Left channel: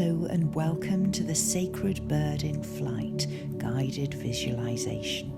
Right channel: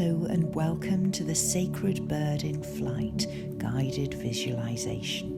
Hello and welcome to the Sacred Bird in Flight guided visualization.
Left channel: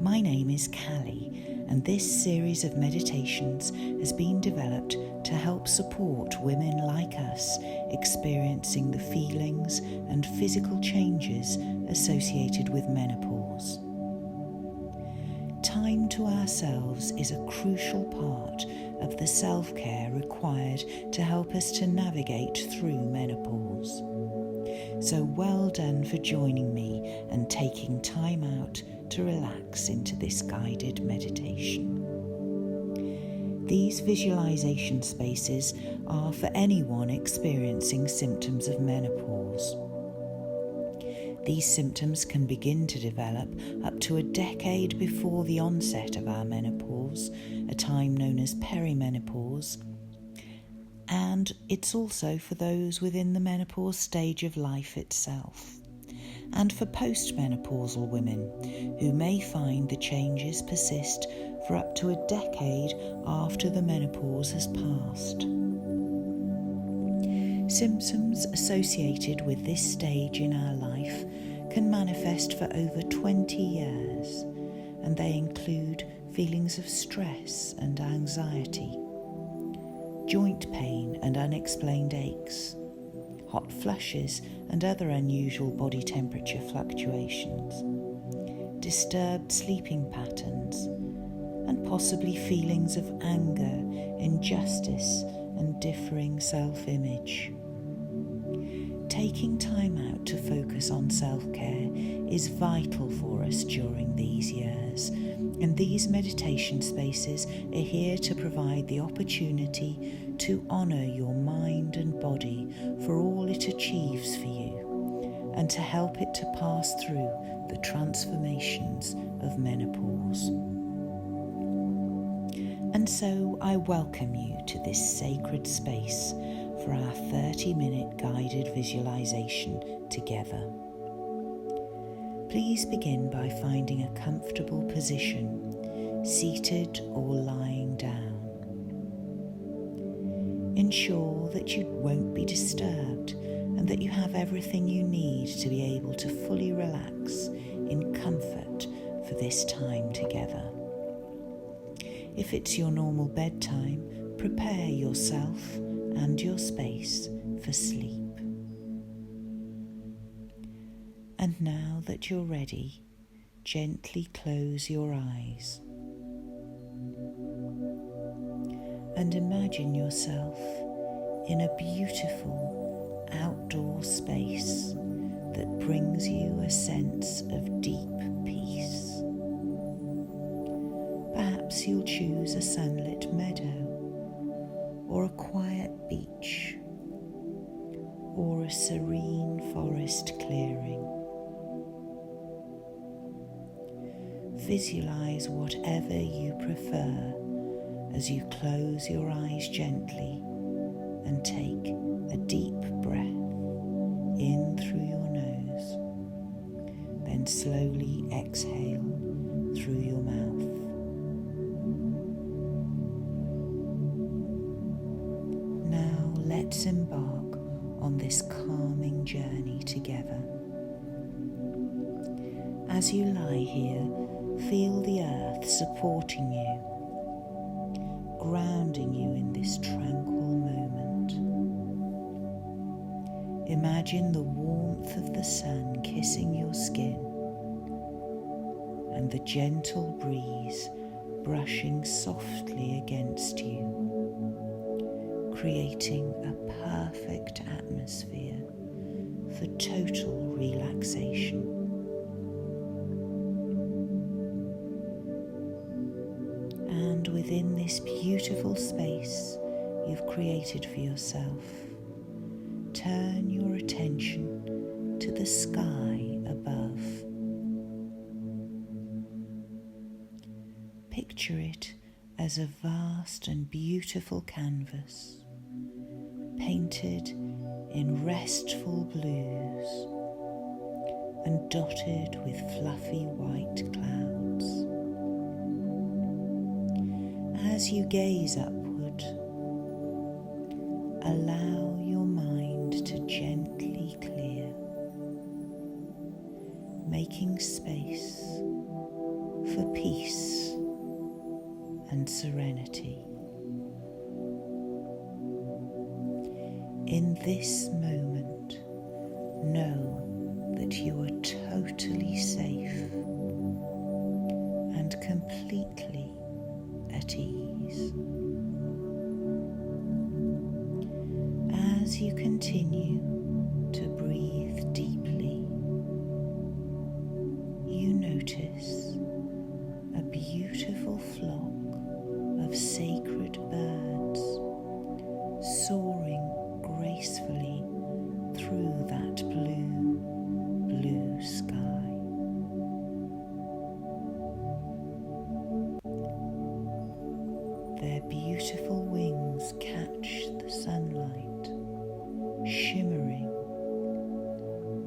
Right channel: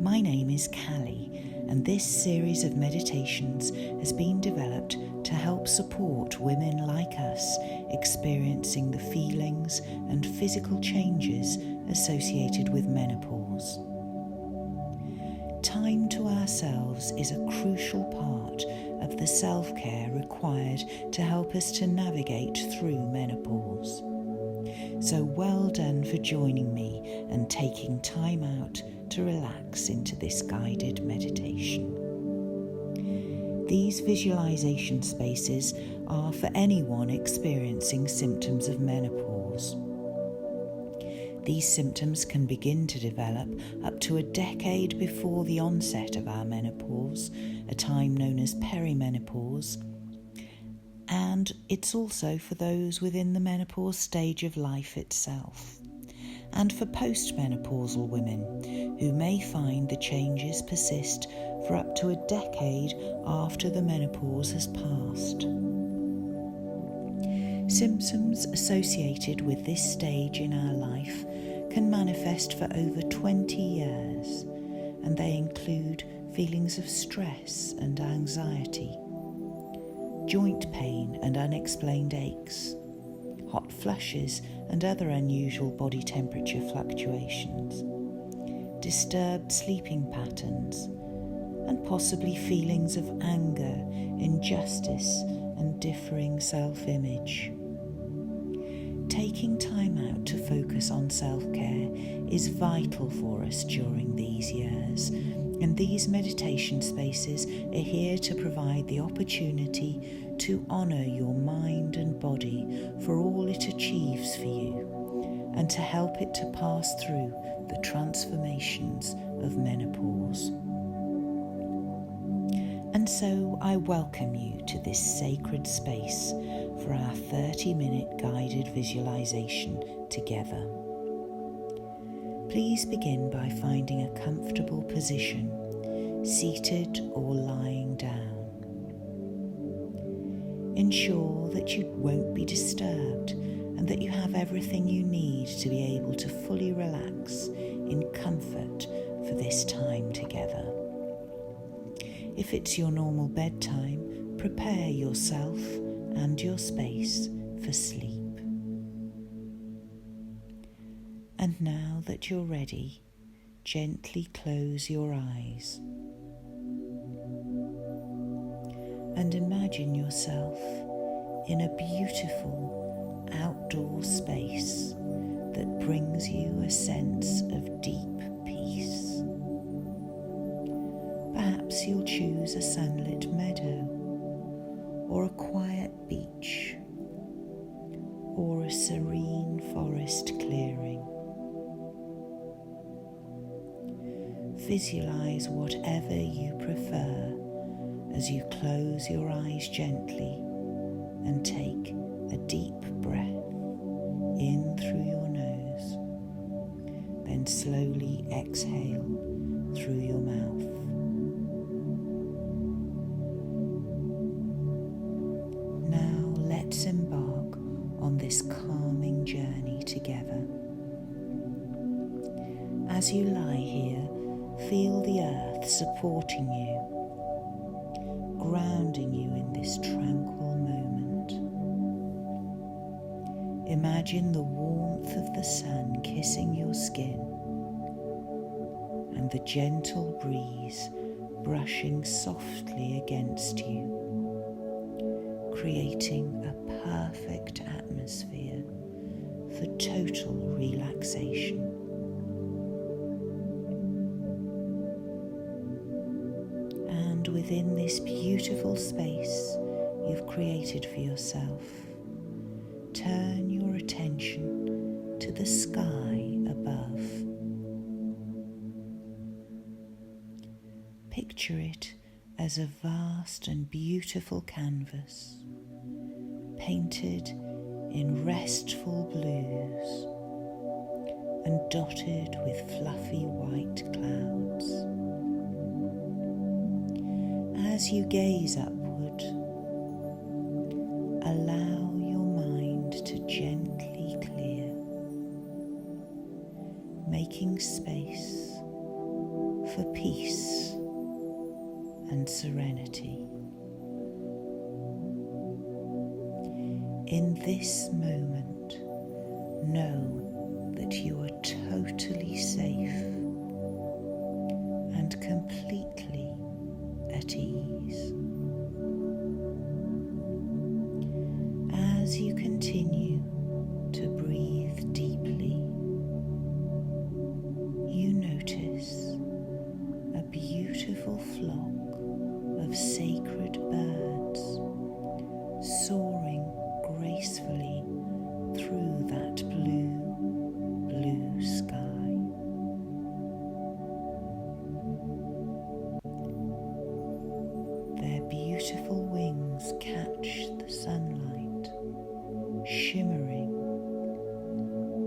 My name is Callie, and this series of meditations has been developed to help support women like us experiencing the feelings and physical changes associated with menopause. Time to ourselves is a crucial part of the self-care required to help us to navigate through menopause. So well done for joining me and taking time out to relax into this guided meditation. These visualization spaces are for anyone experiencing symptoms of menopause. These symptoms can begin to develop up to a decade before the onset of our menopause, a time known as perimenopause, and it's also for those within the menopause stage of life itself, and for postmenopausal women who may find the changes persist for up to a decade after the menopause has passed. Symptoms associated with this stage in our life can manifest for over 20 years, and they include feelings of stress and anxiety, joint pain and unexplained aches, hot flushes and other unusual body temperature fluctuations, disturbed sleeping patterns, and possibly feelings of anger, injustice, and differing self-image. Taking time out to focus on self-care is vital for us during these years, and these meditation spaces are here to provide the opportunity to honour your mind and body for all it achieves for you, and to help it to pass through the transformations of menopause. And so I welcome you to this sacred space for our 30-minute guided visualization together. Please begin by finding a comfortable position, seated or lying down. Ensure that you won't be disturbed and that you have everything you need to be able to fully relax in comfort for this time together. If it's your normal bedtime, prepare yourself and your space for sleep. And now that you're ready, gently close your eyes and imagine yourself in a beautiful outdoor space that brings you a sense of deep peace. Perhaps you'll choose a sunlit meadow, or a quiet beach, or a serene forest clearing. Visualize whatever you prefer as you close your eyes gently and take a deep breath in through your nose, then slowly exhale through your mouth. Now let's embark on this calming journey together. As you lie here, feel the earth supporting you, grounding you in this tranquil moment. Imagine the warmth of the sun kissing your skin and the gentle breeze brushing softly against you, creating a perfect atmosphere for total relaxation. And within this beautiful space you've created for yourself, turn your attention to the sky above. Picture it as a vast and beautiful canvas, painted in restful blues and dotted with fluffy white clouds. As you gaze upward, allow your mind to making space for peace and serenity. In this moment, know that you are totally safe and completely at ease. As you continue to breathe deeply, you notice a beautiful flock of sacred birds soaring gracefully through that blue sky. Their beautiful wings catch the sunlight, shimmering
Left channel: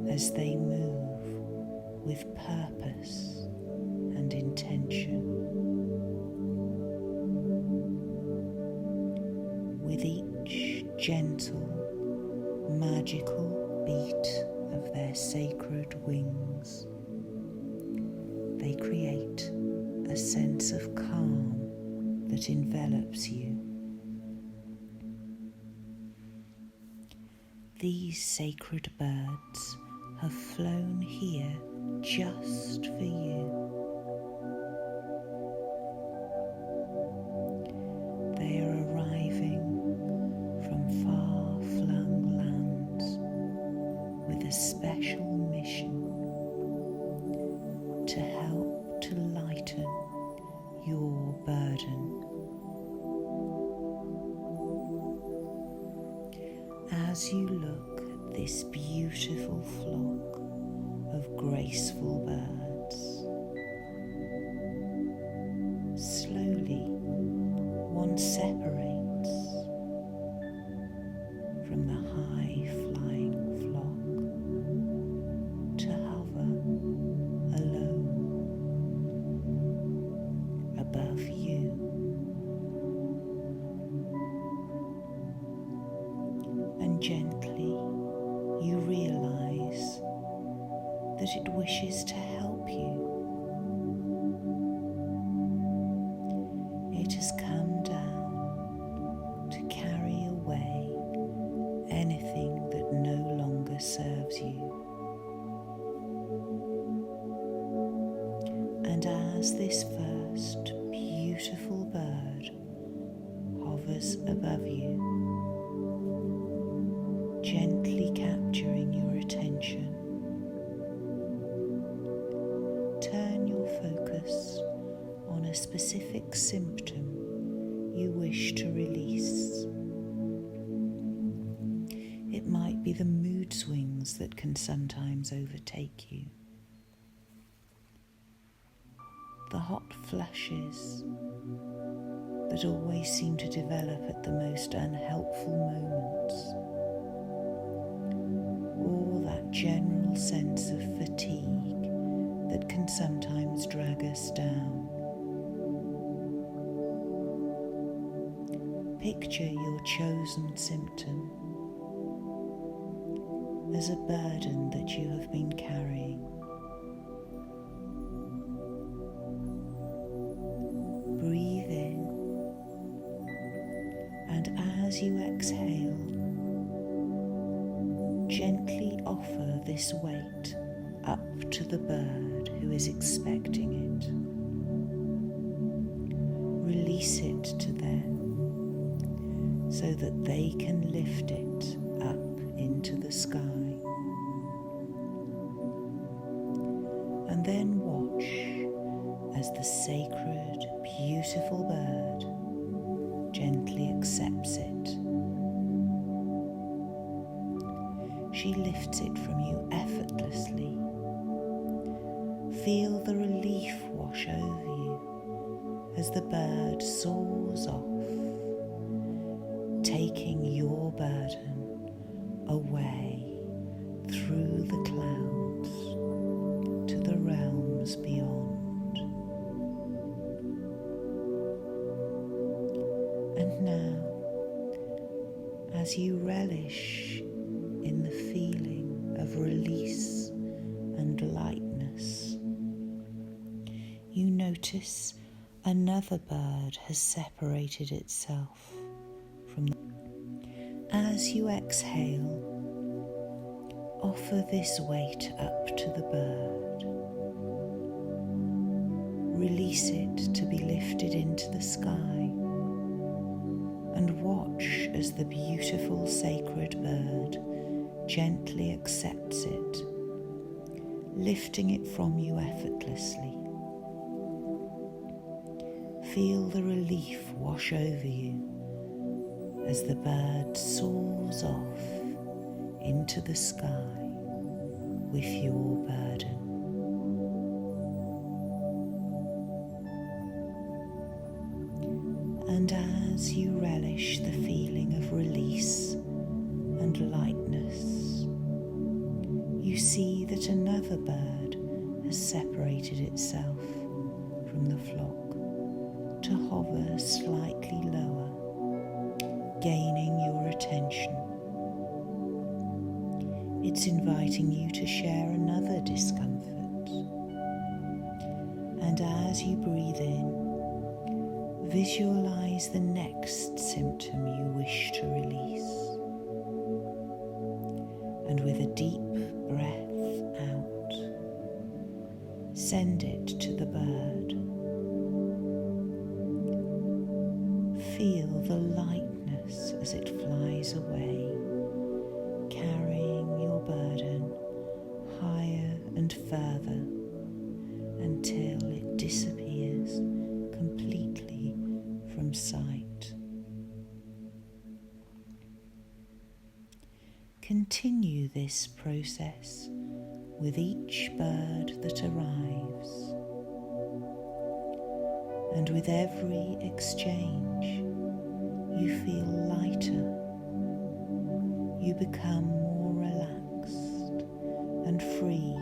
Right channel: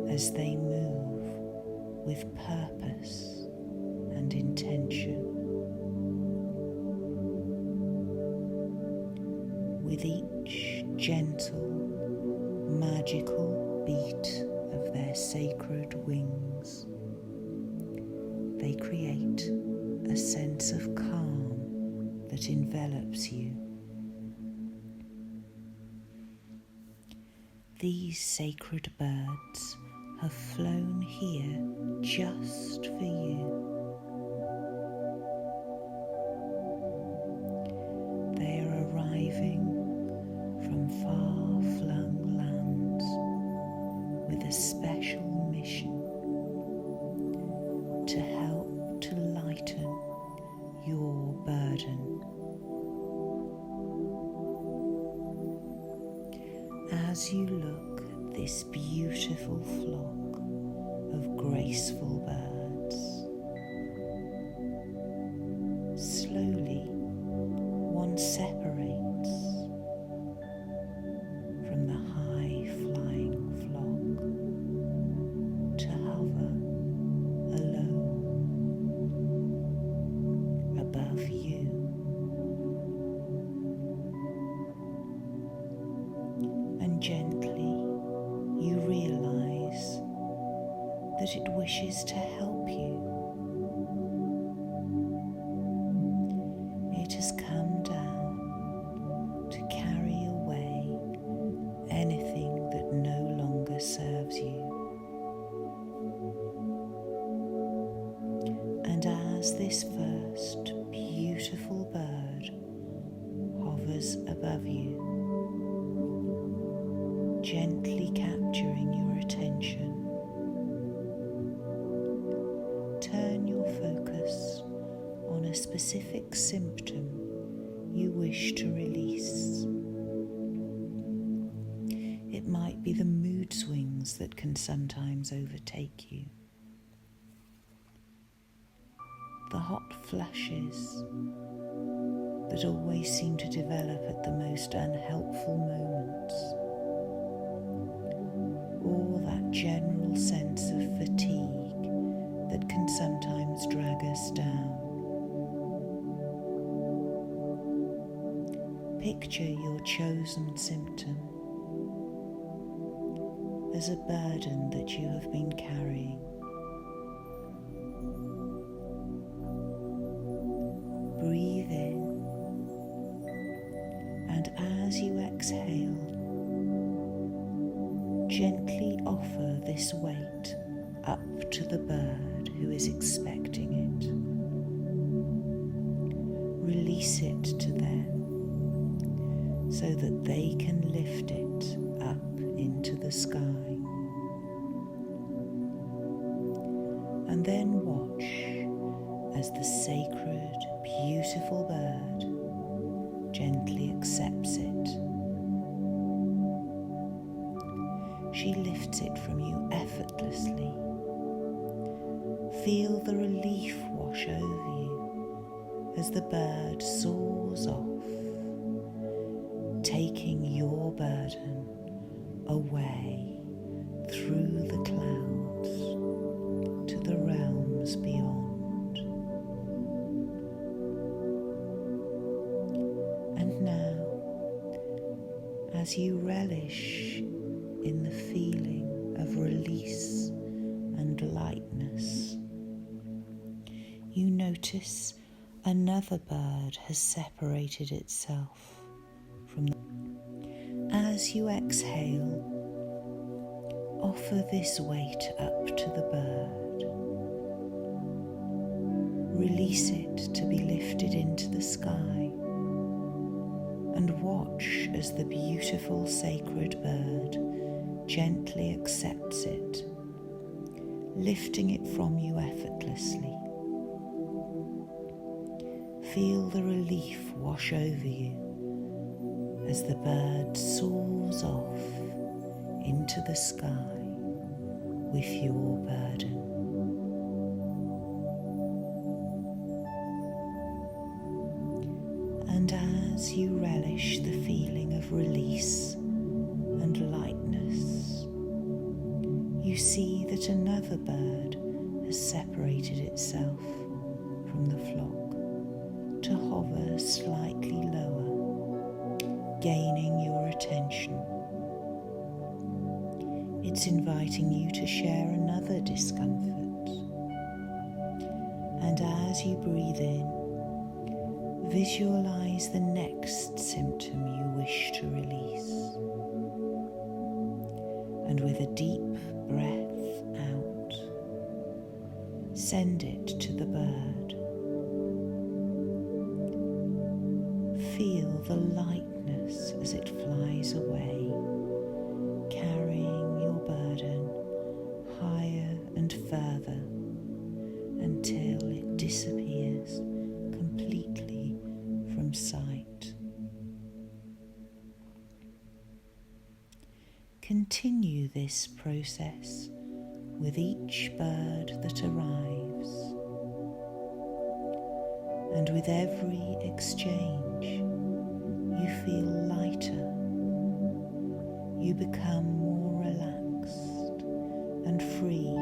as they move with purpose and intention. With each gentle, magical beat of their sacred wings, they create a sense of calm that envelops you. These sacred birds have flown here just for you. They are arriving from far-flung lands with a special mission to help to lighten your burden. As you look at this beautiful flock of graceful birds, slowly one separates from the high-flying flock to hover alone above you. And gently you realize that it wishes to help you. It has come down to carry away anything that no longer serves you. And as this first beautiful bird hovers above you, gently capturing your attention, turn your focus on a specific symptom you wish to release. It might be the mood swings that can sometimes overtake you, the hot flushes that always seem to develop at the most unhelpful moments, or that general sense of fatigue that can sometimes drag us down. Picture your chosen symptom as a burden that you have been carrying. Breathe in, and as you exhale, gently offer this weight up to the bird who is expecting it. Release it to them so that they can lift it up into the sky. And then watch as the sacred, beautiful bird gently accepts it. She lifts it from you effortlessly. Feel the relief wash over you as the bird soars off, taking your burden away through the clouds to the realms beyond. And now, as you relish in the feeling of release and lightness. You notice another bird has separated itself from the... As you exhale, offer this weight up to the bird. Release it to be lifted into the sky, and watch as the beautiful sacred bird gently accepts it, lifting it from you effortlessly. Feel the relief wash over you as the bird soars off into the sky with your burden. And as you relish the feeling of release and lightness, you see that another bird has separated itself from the flock to hover slightly lower, gaining your attention. It's inviting you to share another discomfort. And as you breathe in, visualize the next symptom you wish to release. And with a deep breath out, send it to the bird. Feel the lightness as it flies away, carrying your burden higher and further until it disappears completely from sight. Continue this process with each bird that arrives, and with every exchange you feel lighter, you become more relaxed and free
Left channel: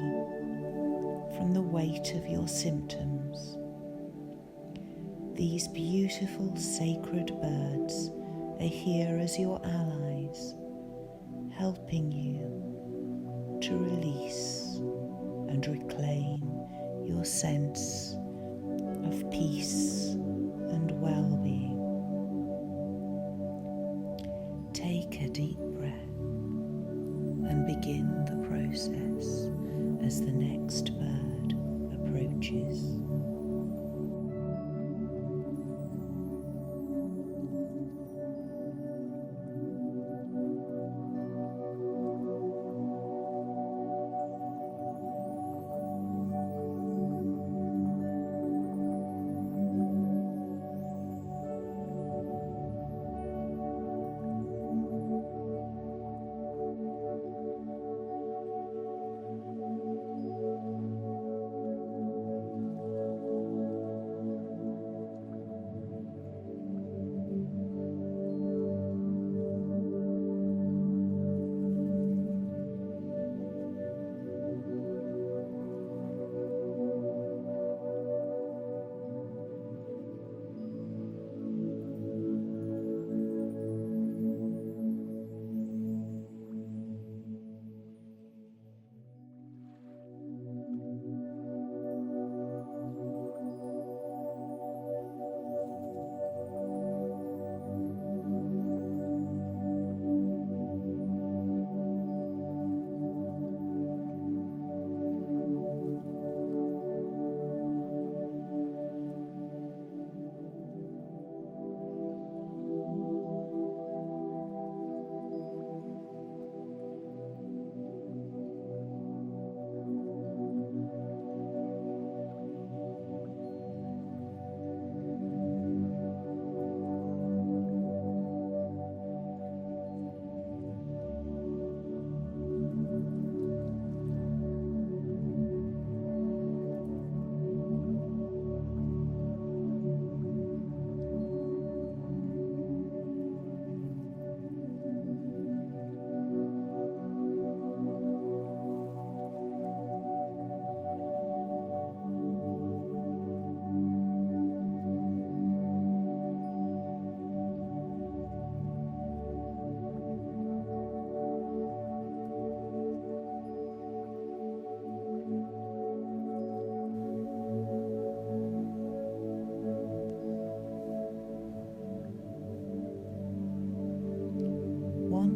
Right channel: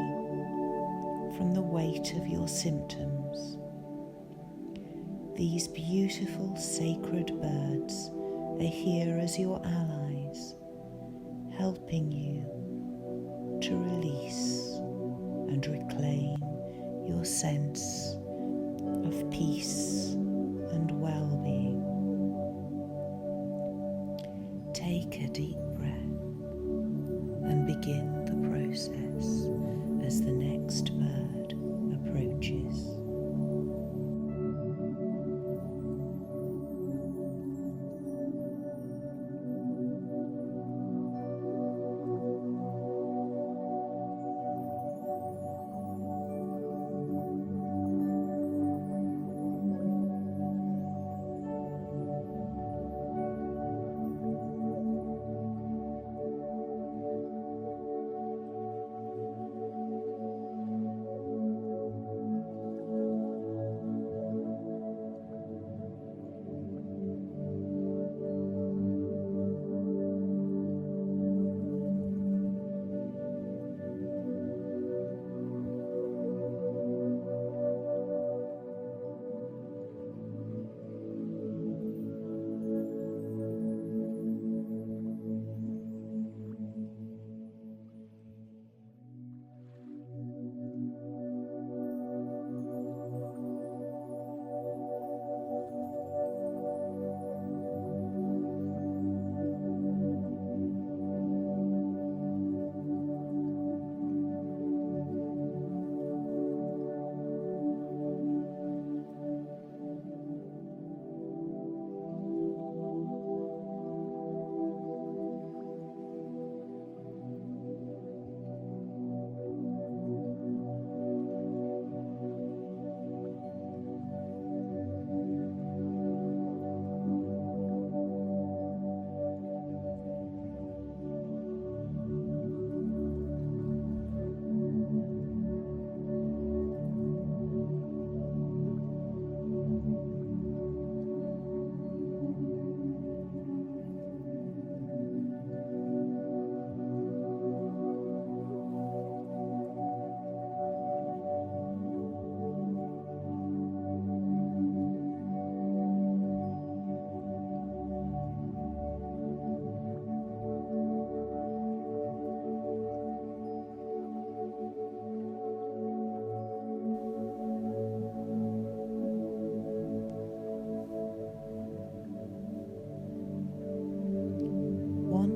from the weight of your symptoms. These beautiful sacred birds are here as your allies, helping you to release and reclaim your sense of peace and well-being. Take a deep breath and begin the process as the next bird approaches.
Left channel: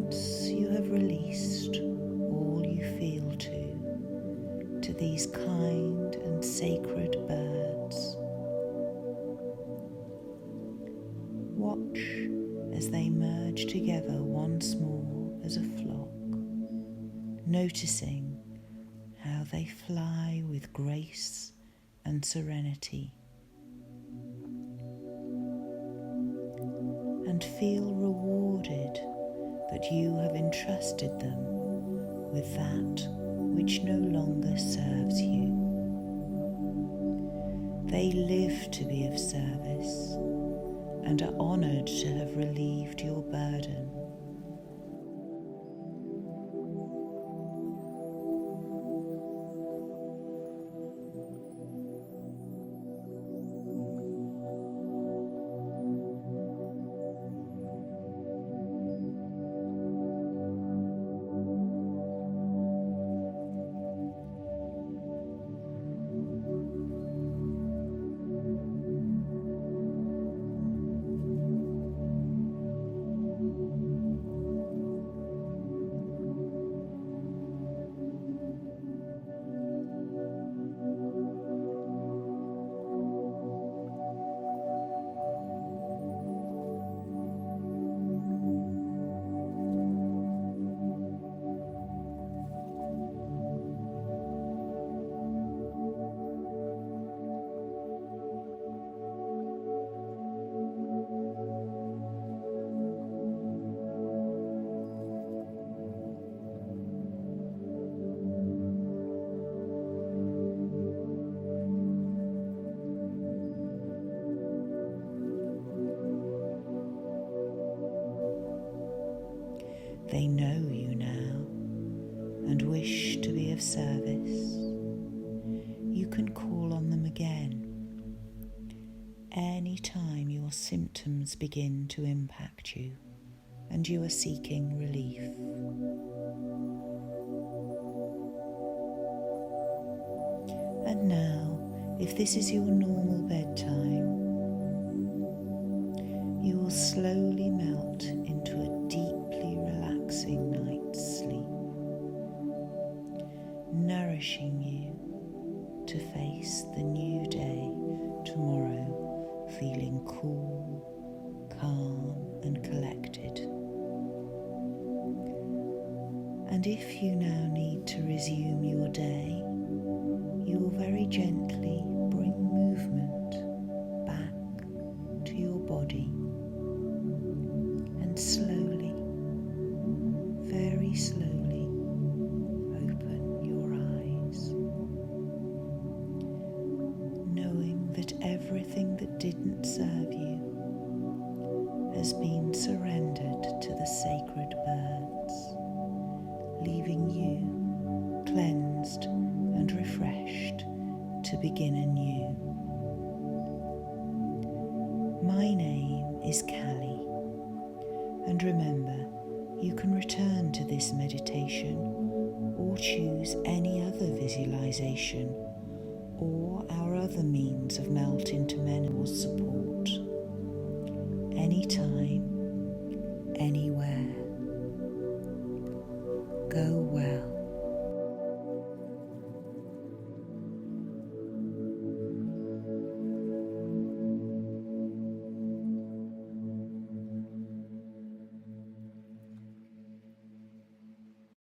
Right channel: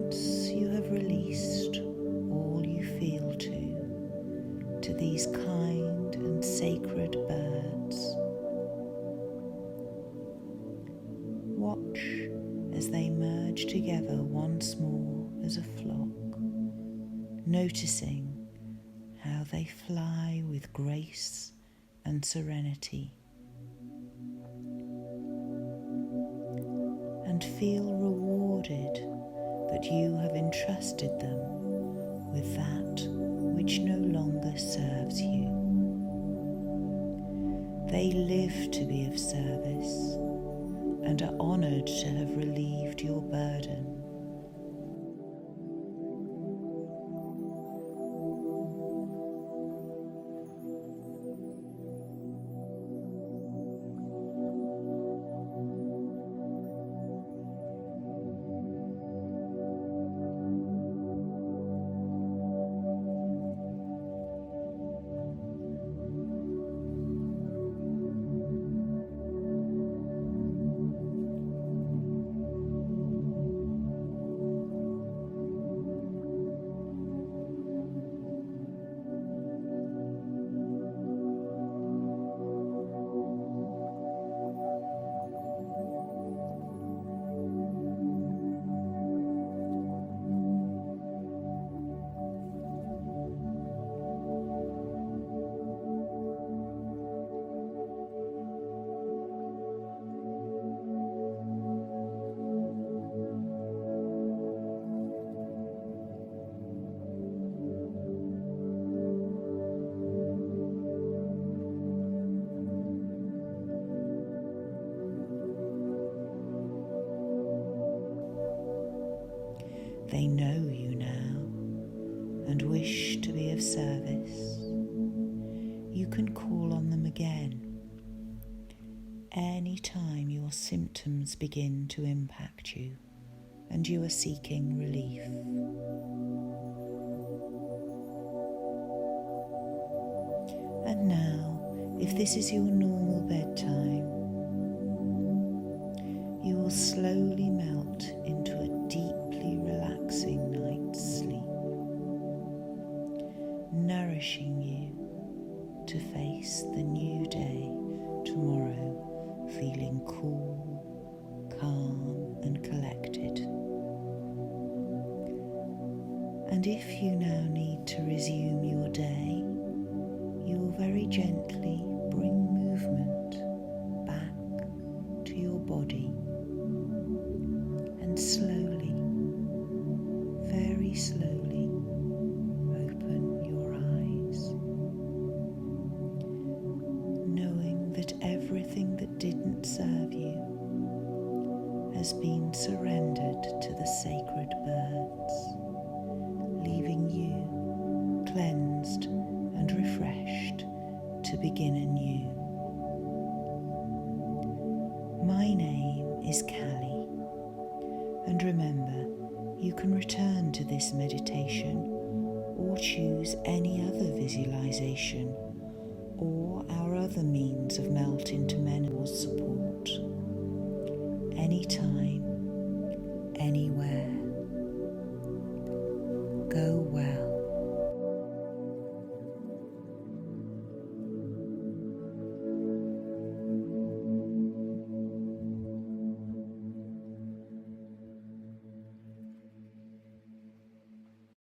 once you have released all you feel to these kind and sacred birds, watch as they merge together once more as a flock, noticing how they fly with grace and serenity, and feel rewarded that you have entrusted them with that which no longer serves you. They live to be of service and are honoured to have relieved your burden. They know you now and wish to be of service. You can call on them again any time your symptoms begin to impact you and you are seeking relief. And now, if this is your normal bedtime, you will slowly melt into a deeply relaxing night's sleep, nourishing you to face the new day tomorrow feeling cool, calm and collected. And if you now need to resume your day, you will very gently bring movement back to your body and slowly, very slowly, open your eyes, knowing that everything that didn't serve you has been surrendered to the sacred birds, leaving you cleansed and refreshed to begin anew. My name is Callie, and remember, you can return to this meditation or choose any other visualization or our other means of melt into menopause support anytime, anywhere. Go well.